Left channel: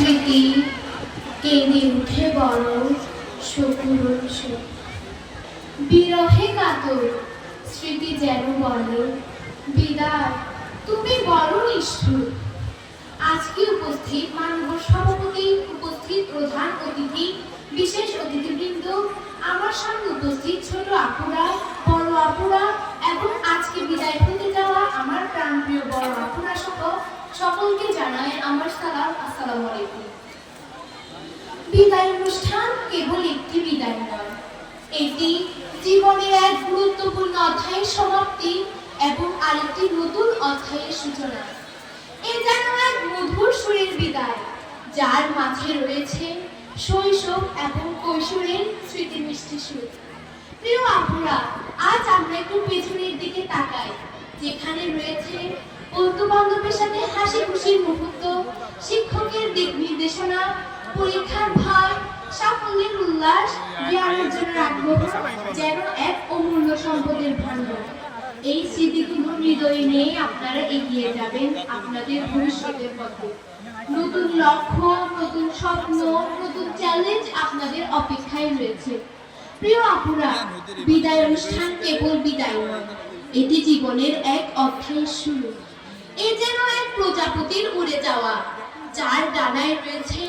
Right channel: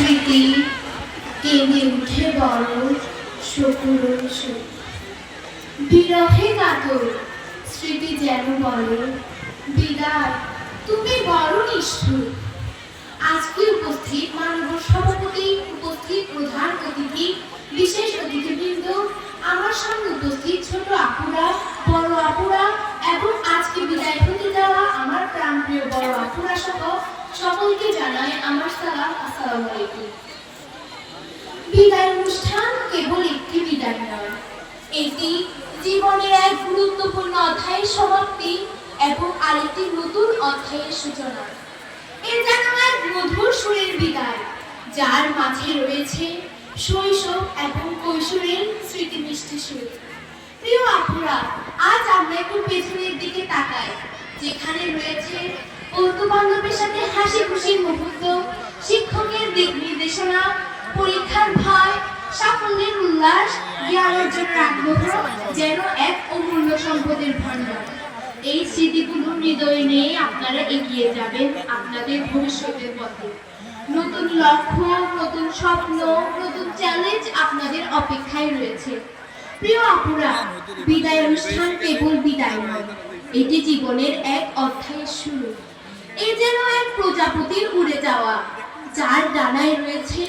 স্মৃতি কেঁদে উঠে বড় শকুরণ শোক। বিরহে কাতর, স্মৃতি যেন বলে, বিদায়, তুমি বড় নিষ্ঠুর আজকে উপস্থিত মানব সভাপতি উপস্থিত প্রধান অতিথি, বিশেষ অতিথিবৃন্দ, আমার সামনে উপস্থিত ছোট আপুরা, বড় আপুরা, এবং আজকে বিদায় হতে যাওয়া আমার প্রাণপ্রিয় বড় আপুরা সহ সকলকে জানাই আমার সালাম, আসসালামু আলাইকুম। বিদায় অনুষ্ঠান কেবল একটি বিদায় নয়। এটি জীবনের এক গুরুত্বপূর্ণ অধ্যায়ের সমাপ্তি এবং আরেকটি নতুন অধ্যায়ের সূচনা। এ যেন এক মধুর সুরের বিদায়, যার মাঝে রয়েছে শৈশব এবং কৈশোরের স্মৃতি মিষ্টি সুর। প্রিয় আপুরা, আজ আমরা একটু পেছনের দিকে তাকাই, যেখানে বন্ধু বান্ধবের সাথে হাসি খুশির মুহূর্ত, শিক্ষকের দিক নির্দেশনা, পরীক্ষার ভয় সাফল্যের উল্লাস জ্ঞান অর্জনের আগ্রহ যেন এক অমূল্য সম্পদের ভাণ্ডার। এই স্মৃতিগুলো হৃদয়ে নিয়ে আপনারা এগিয়ে যাবেন আপনাদের ভবিষ্যতের পথে। নতুন লক্ষ্য, নতুন স্বপ্ন, নতুন চ্যালেঞ্জ আপনাদের অপেক্ষায় রয়েছে। প্রিয় আপুরা, বিদায় অনুষ্ঠান কেবল বিদায় নয়, এটি জীবনের এক অধ্যায়ের শুরু। এ যেন এক প্রজাপতির উড়ে যাওয়া। যার ডানায় রয়েছে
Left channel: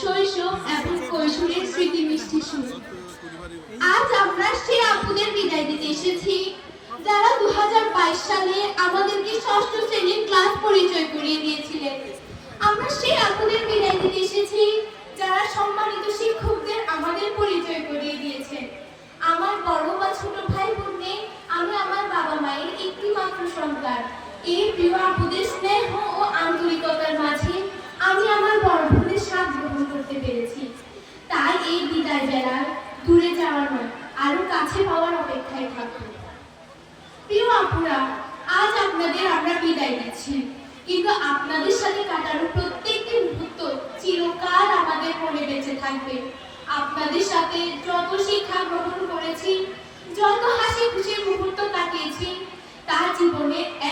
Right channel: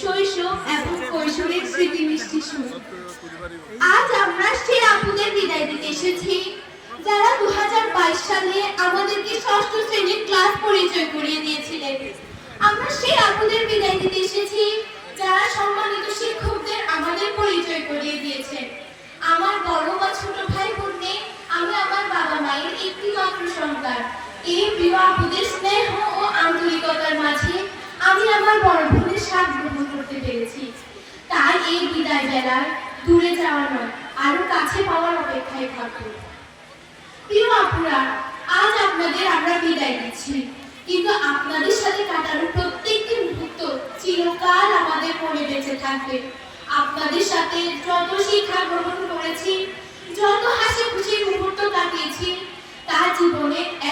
শৈশব এবং কৈশোরের স্মৃতি মিষ্টি সুর। আজ আমরা সেই আপুদের বিদায় দিতে এসেছি। যারা দু হাজার বাইশ সালে আমাদেরকে ষষ্ঠ শ্রেণির ক্লাস পরিচয় করিয়ে দিয়েছিলেন, আমরা সেই আপুদের বিদায় দিতে এসেছি। যারা সম্মানিত শিক্ষকদের আমাদের পরিচয় করিয়ে দিয়েছেন। আমার বড় বা ছোট ভাই বোন আমি আমার বাবা মায়ের একটি মাত্র সন্তান। এই প্রিয় আপুদের স্নেহ ও আন্তরিকতার মাঝে আমি আমার বড় বোনের স্বাদ গ্রহণ করতে পেরেছি। তাই এই বিদায় বেলার দূরে যাওয়া নয় আরও কাছে পাওয়ার অপেক্ষায় থাকব। প্রিয় আপুরা আজ আপনাদের আমরা বিদায় দিচ্ছি কিন্তু আপনাদের সাথে কাটানো প্রত্যেকটি মুহূর্ত চিরকাল আমাদের মনে বেঁচে থাকবে। আপনাদের সাথে যত শিক্ষা গ্রহণ করেছি, যত হাসি খুশির মুহূর্ত কাটিয়েছি তা অংশ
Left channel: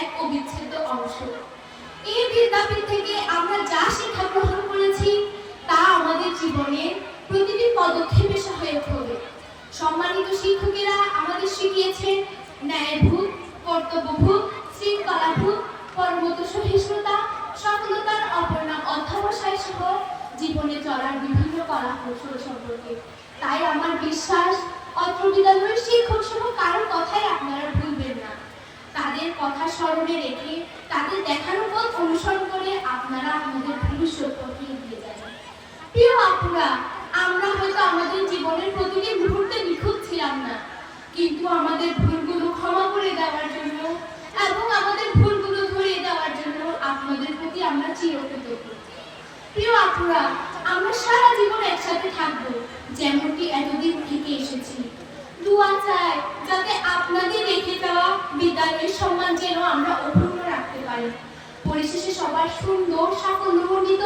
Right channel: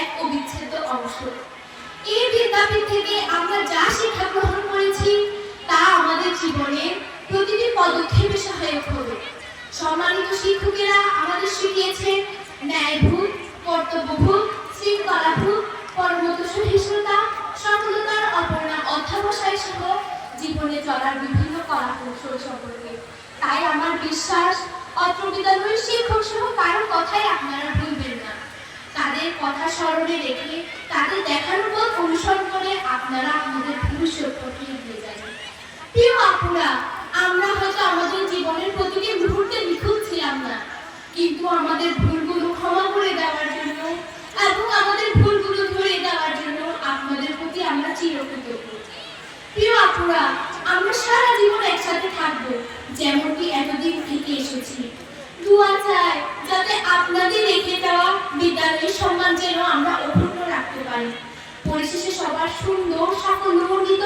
এই বিদ্যাপীঠ থেকে আমরা যা শিক্ষা গ্রহণ করেছি, তা আমাদের জীবনের প্রতিটি পদক্ষেপে সহায়ক হবে। সম্মানিত শিক্ষকেরা আমাদের শিখিয়েছেন, ন্যায়ভূত, কর্তব্যভূত, শৃঙ্খলাভূত কর্মত সহিষ্ণুতা, সফলতার অপর নাম অধ্যাবসায় সহ জীবনে চলার বিভিন্ন কলা কৌশল সম্পর্কে। তাই আমার বিশ্বাস অত্র বিদ্যালয়ের শিক্ষক সহ কারও কথাই আপনারা তাদের কথা স্মরণে রেখে তাদের দেখানো পথ অনুসরণ করে আপনারা আমাদের ভবিষ্যৎ পথে এগিয়ে যাবেন প্রিয় আপুরা, আমরা হয়তো আমাদের জীবনের প্রতিটি মুহূর্তে নিখুঁত ছিলাম না, কিন্তু আমাদের ভুলগুলো ক্ষমা করে দেওয়ার জন্য এবং আমাদের ভুলগুলো ধরে দেওয়ার জন্য আপনাদের প্রতি আমরা চিরকৃতজ্ঞ। প্রিয় আপুরা, আমরা সারা জীবন একসাথে থাকব, যেমনটি এতদিন থেকে এসেছি। দোয়া চাই যাতে আপনাদের বিদ্যালয়ের সম্মান যেন আমরা অক্ষুণ্ণ রাখতে পারি। পরিশেষে সবার সুন্দর সাফল্যমণ্ডিত